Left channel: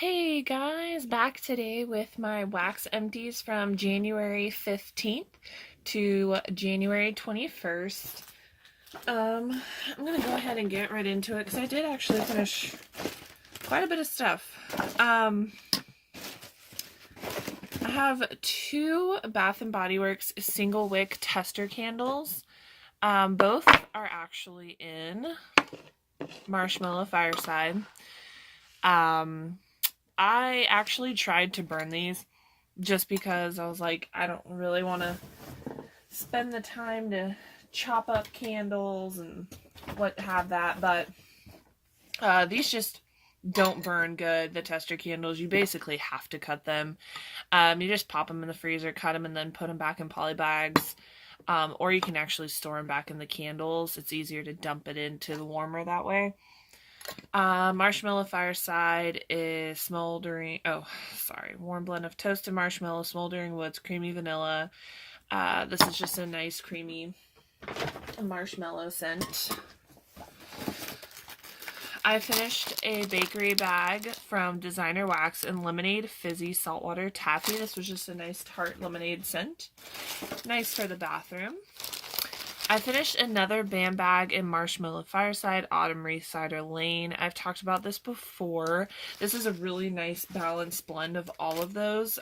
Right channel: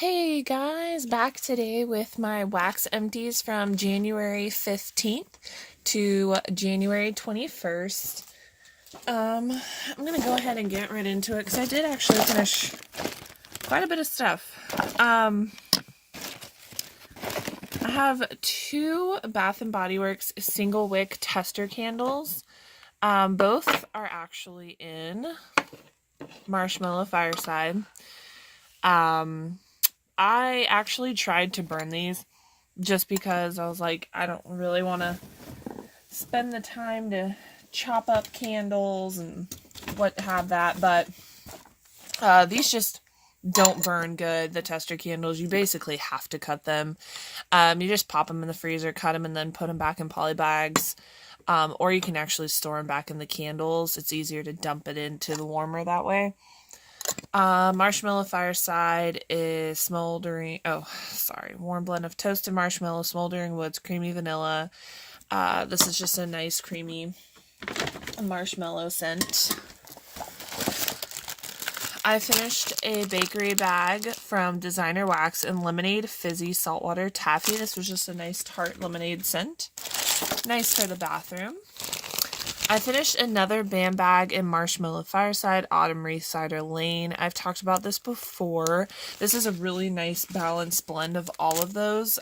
Hey guys, back today with my wax empties from January 15th to January 21st. I'm gonna go ahead and get right into it because I did actually finish quite a bit of stuff. I have two Bath and Body Works single wick tester candles. Both are actually in Marshmallow Fireside. I actually tried to burn these just because I was like, I don't really want to spend the time to chop up candles and what have that, but these just don't burn good, the tester candles. You basically have to cut them. You just pop them in the freezer, cut them, and then put them back in poly bags. Or you can actually store them back in the candles. It's easier to dump it into the warmer that way. Marshmallow Fireside is warm blend of toasted marshmallow, smoldering woods, creamy vanilla. This is just a nice creamy marshmallow scent. I finished a bakery bag from Designer Wax and Lemonade Fizzy Saltwater Taffy. This was just a nice tart lemonade scent. Nice for the bathroom. I finished another BAM bag in Marshmallow Fireside, Autumn Wreath Cider Lane. I've talked about this before. This is a really nice balanced blend of all of those.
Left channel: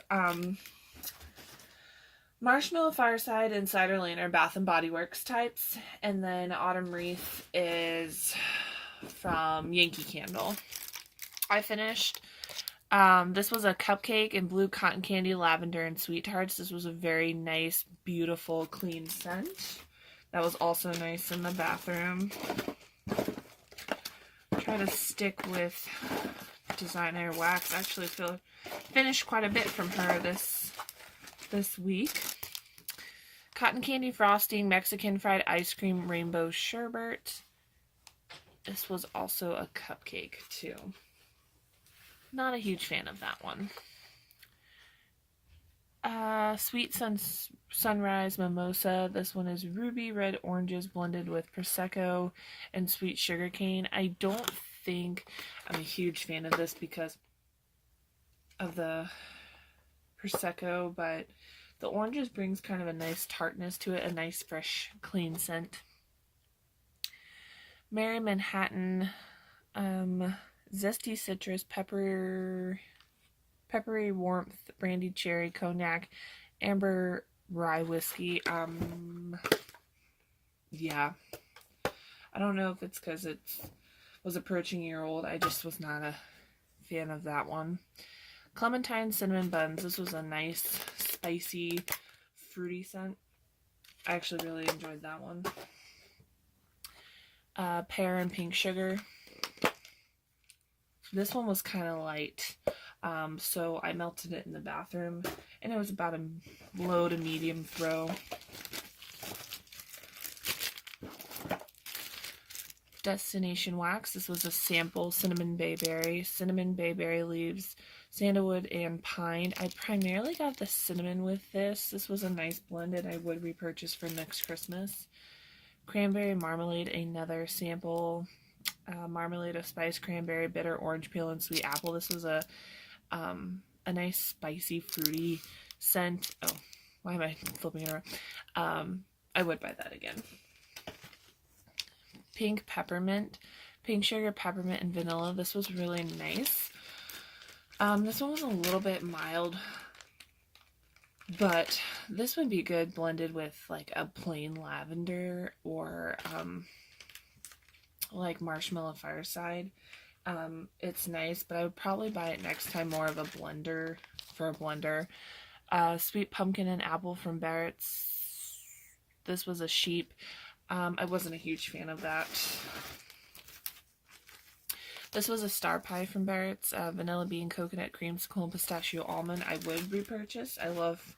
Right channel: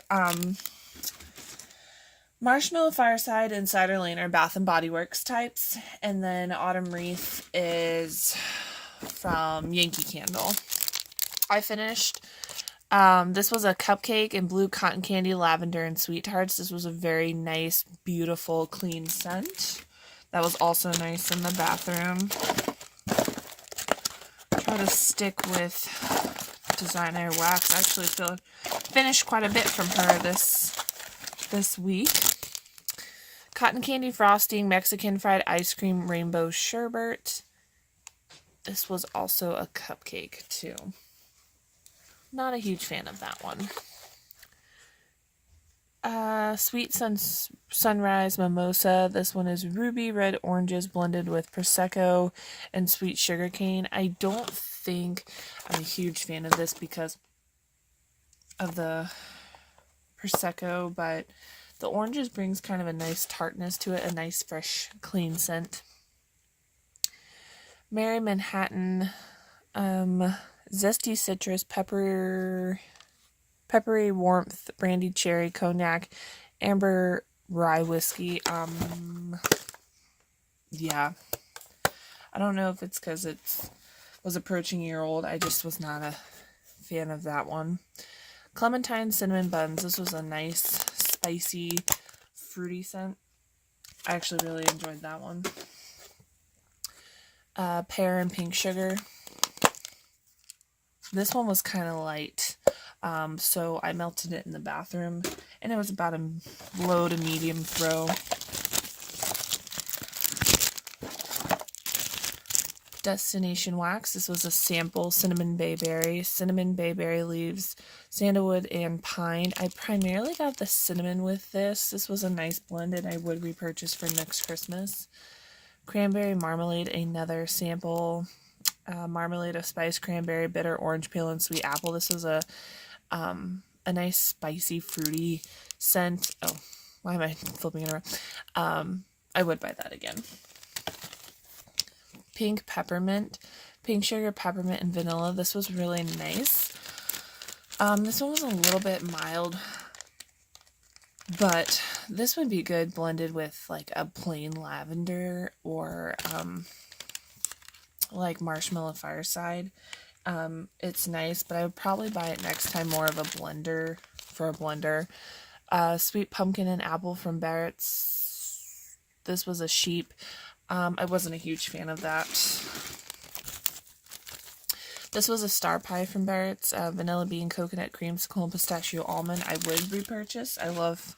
Marshmallow Fireside and Cider Lane are Bath and Body Works types, and then Autumn Wreath is from Yankee Candle. I finished, this was a cupcake in blue cotton candy, lavender, and sweet tarts. This was a very nice, beautiful, clean scent. That was also nice in the bathroom. Try to stick with Designer Wax. I actually finished quite a bit from her this week. Cotton candy frosting, Mexican fried ice cream, rainbow sherbet. This was also a cupcake too. Not a huge fan of that one. Sweet Sunrise Mimosa. This one is ruby red oranges blended with Prosecco and sweet sugarcane. I don't think I'm a huge fan of this because of the Prosecco, but the oranges brings kind of a nice tartness to it, a nice fresh clean scent. Mary Manhattan, zesty citrus, peppery warmth, brandied cherry, cognac, amber rye whiskey. Yeah. I don't know if it's because it was approaching a year old. I just was not a fan of that one. Clementine cinnamon buns. This was a nice, spicy, fruity scent. I actually really enjoyed that one. Pear and pink sugar. This one was kind of light. So I melted it in the bathroom, and it was about a low to medium throw. Destination Wax. This was a sample cinnamon bayberry leaves, sandalwood, and pine. I primarily got the cinnamon with this. This was a nice blend, and I would repurchase for next Christmas. Cranberry marmalade, another sample. Marmalade of spice, cranberry, bitter, orange peel, and sweet apple. This was a nice spicy fruity scent. Oh, why am I flipping it around? I would buy that again. Pink peppermint, pink sugar, peppermint, and vanilla. This was really nice. This one was a little bit mild, but this would be good blended with like a plain lavender or like Marshmallow Fireside. It's nice, but I would probably buy it next time more of a blender for a blender. Sweet pumpkin and apple from Barrett's. This was a sheep. I wasn't a huge fan of that. This was a star pie from Barrett's. Vanilla bean, coconut, creamsicle, and pistachio almond. I would repurchase. I love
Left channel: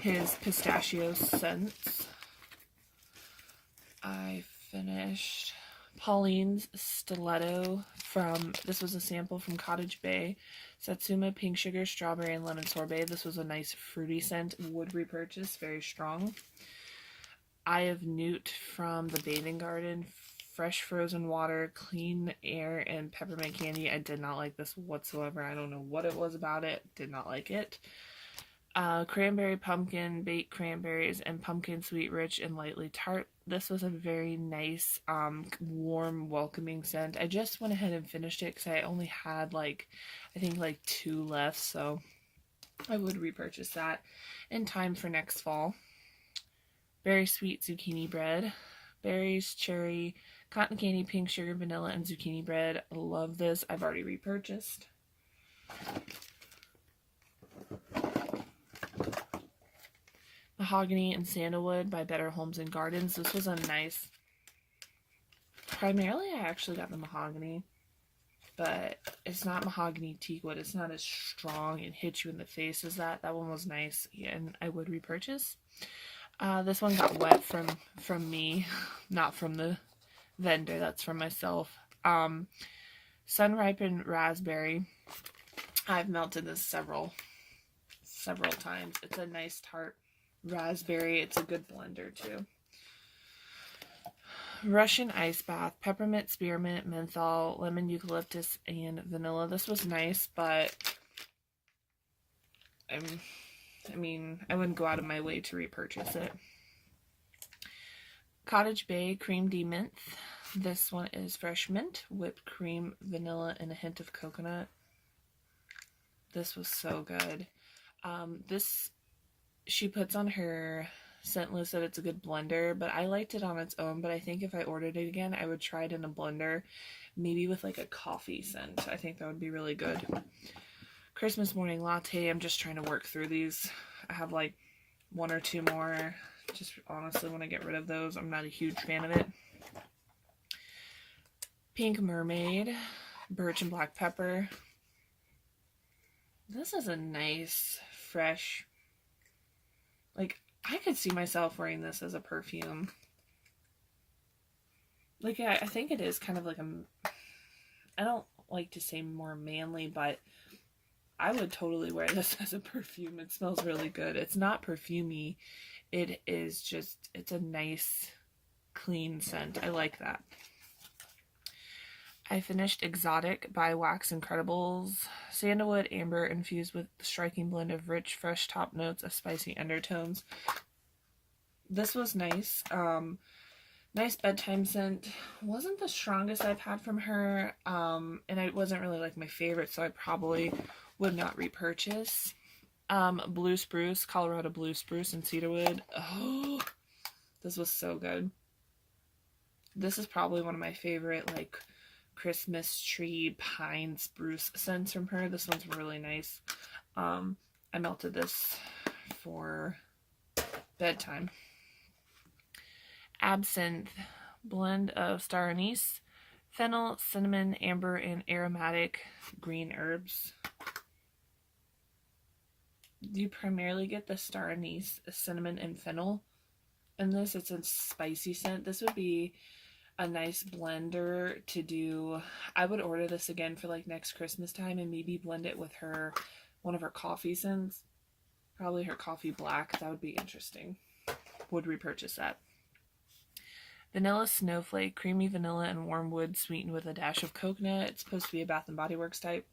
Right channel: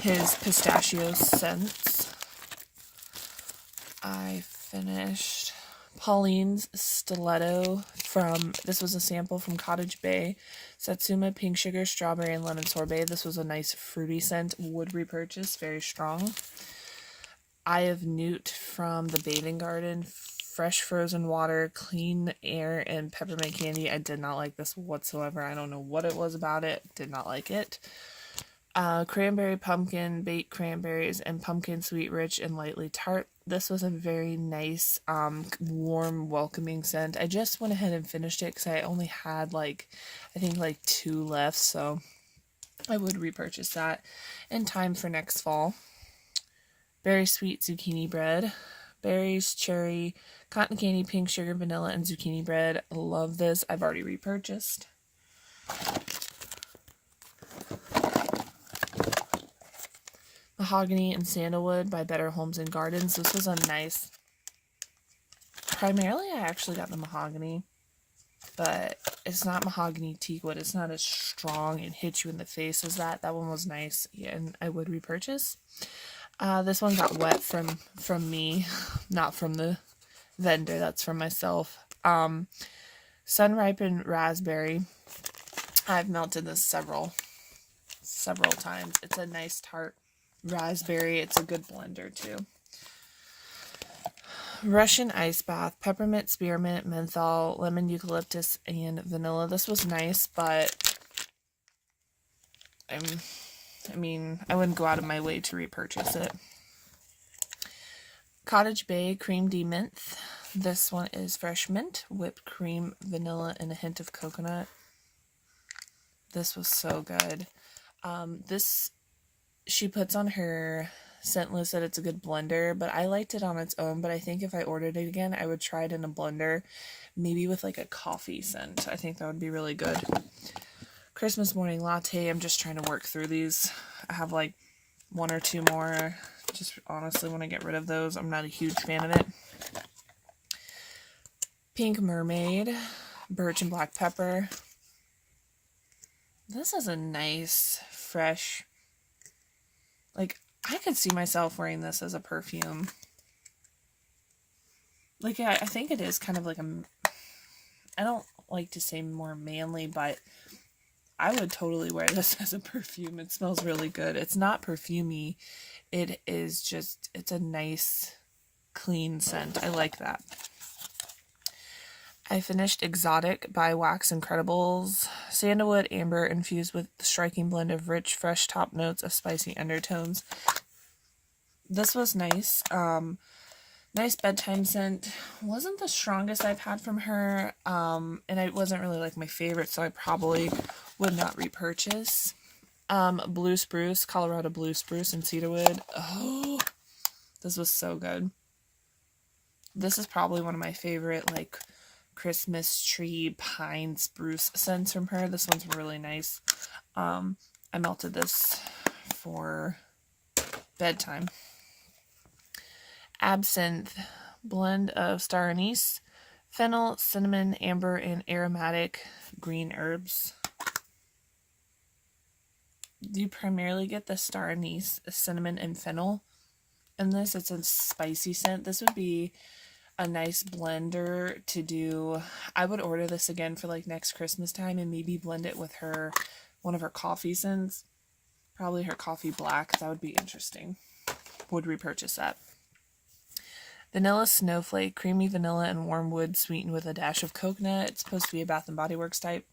his pistachio scents. I finished Pauline's Stiletto this was a sample from Cottage Bay. Satsuma, pink sugar, strawberry, and lemon sorbet. This was a nice fruity scent. Would repurchase. Very strong. Eye of Newt from the Bathing Garden fresh frozen water, clean air, and peppermint candy. I did not like this whatsoever. I don't know what it was about it. Did not like it. Cranberry pumpkin, baked cranberries, and pumpkin sweet, rich, and lightly tart. This was a very nice, warm, welcoming scent. I just went ahead and finished it because I only had I think 2 left, so I would repurchase that in time for next fall. Berry sweet zucchini bread. Berries, cherry, cotton candy, pink sugar, vanilla, and zucchini bread. Love this. I've already repurchased. Mahogany and Sandalwood by Better Homes and Gardens. This was a nice... Primarily, I actually got the mahogany, but it's not mahogany teakwood. It's not as strong and hits you in the face as that. That one was nice, yeah, and I would repurchase. This one got wet from me, not from the vendor. That's from myself. Sun-ripened raspberry. I've melted this several times. It's a nice tart raspberry. It's a good blender too. Russian ice bath, peppermint, spearmint, menthol, lemon, eucalyptus, and vanilla. This was nice, but I wouldn't go out of my way to repurchase it. Cottage Bay cream de-mint. This one is fresh mint, whipped cream, vanilla, and a hint of coconut. This was so good. This she puts on her scent list that it's a good blender, but I liked it on its own. But I think if I ordered it again, I would try it in a blender, maybe with a coffee scent. I think that would be really good. Christmas morning latte. I'm just trying to work through these. I have 1 or 2 more. Just honestly want to get rid of those. I'm not a huge fan of it. Pink mermaid, birch and black pepper. This is a nice, fresh, I could see myself wearing this as a perfume. I think it is kind of I don't like to say more manly, but I would totally wear this as a perfume. It smells really good. It's not perfumey. It is just, it's a nice, clean scent. I like that. I finished Exotic by Wax Incredibles. Sandalwood, amber, infused with the striking blend of rich, fresh top notes of spicy undertones. This was nice. Nice bedtime scent. Wasn't the strongest I've had from her. And it wasn't really my favorite, so I probably would not repurchase. Blue Spruce, Colorado Blue Spruce and Cedarwood. Oh, this was so good. This is probably one of my favorite, Christmas tree pine spruce scents from her. This one's really nice. I melted this for bedtime. Absinthe, blend of star anise, fennel, cinnamon, amber, and aromatic green herbs. You primarily get the star anise, cinnamon, and fennel. And this, it's a spicy scent. This would be a nice blender to do. I would order this again for next Christmas time and maybe blend it with one of her coffee scents. Probably her coffee black. That would be interesting. Would repurchase that. Vanilla Snowflake, creamy vanilla and warm wood sweetened with a dash of coconut. It's supposed to be a Bath & Body Works type.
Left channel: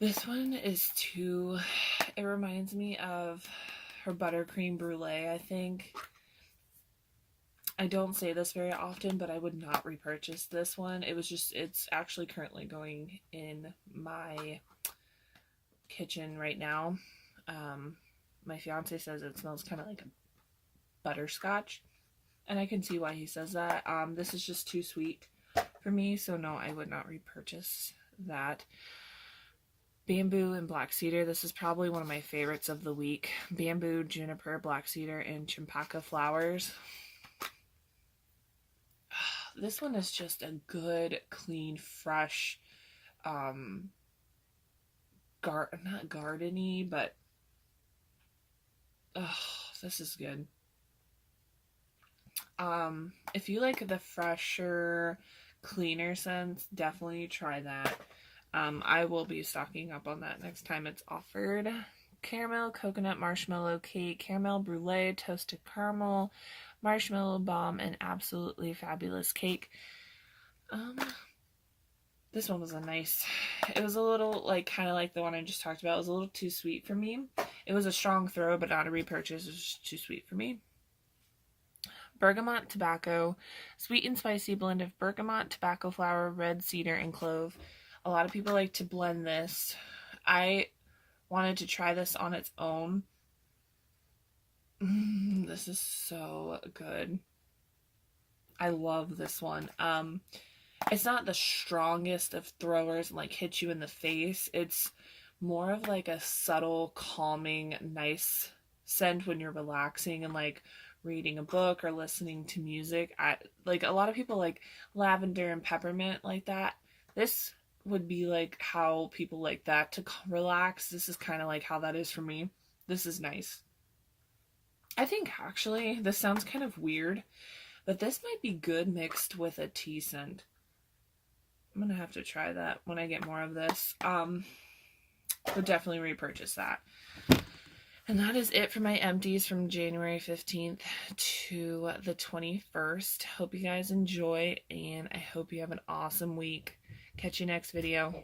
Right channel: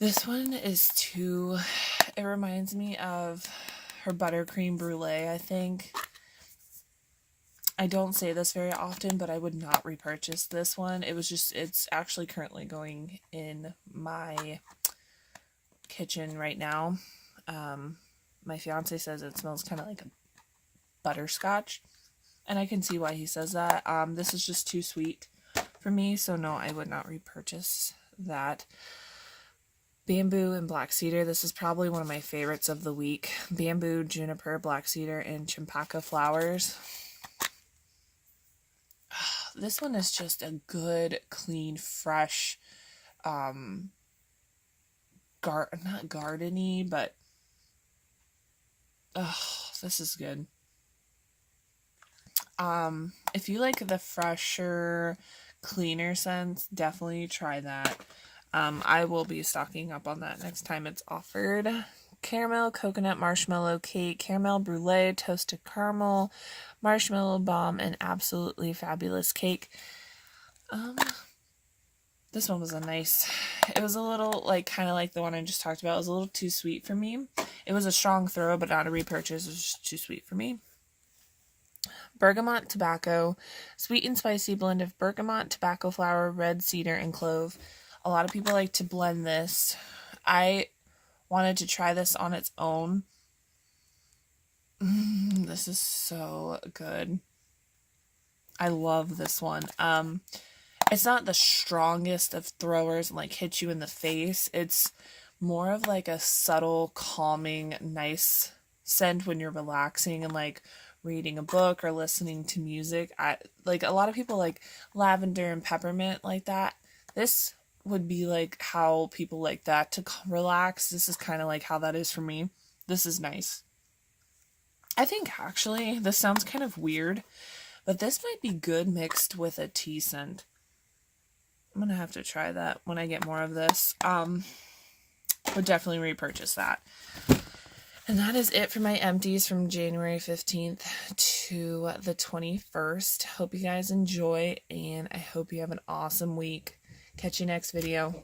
This one is it reminds me of her buttercream brulee, I think. I don't say this very often, but I would not repurchase this one. It's actually currently going in my kitchen right now. My fiance says it smells kind of like a butterscotch, and I can see why he says that. This is just too sweet for me, so no, I would not repurchase that. Bamboo and black cedar. This is probably one of my favorites of the week. Bamboo, juniper, black cedar, and champaca flowers. This one is just a good, clean, fresh, not gardeny, but this is good. If you like the fresher, cleaner scents, definitely try that. I will be stocking up on that next time it's offered caramel, coconut, marshmallow cake, caramel brulee, toasted caramel, marshmallow bomb, and absolutely fabulous cake. This one was it was a little, like, kind of like the one I just talked about. It was a little too sweet for me. It was a strong throw, but not a repurchase. It was just too sweet for me. Bergamot tobacco, sweet and spicy blend of bergamot, tobacco flower, red cedar, and clove. A lot of people like to blend this. I wanted to try this on its own. This is so good. I love this one. It's not the strongest of throwers and like hits you in the face. It's more of like a subtle, calming, nice scent when you're relaxing and like reading a book or listening to music. Like a lot of people like lavender and peppermint like that. This would be like how people like that to relax. This is kind of like how that is for me. This is nice. I think actually this sounds kind of weird, but this might be good mixed with a tea scent. I'm gonna have to try that when I get more of this. Would definitely repurchase that. And that is it for my empties from January 15th to the 21st. Hope you guys enjoy, and I hope you have an awesome week. Catch you next video.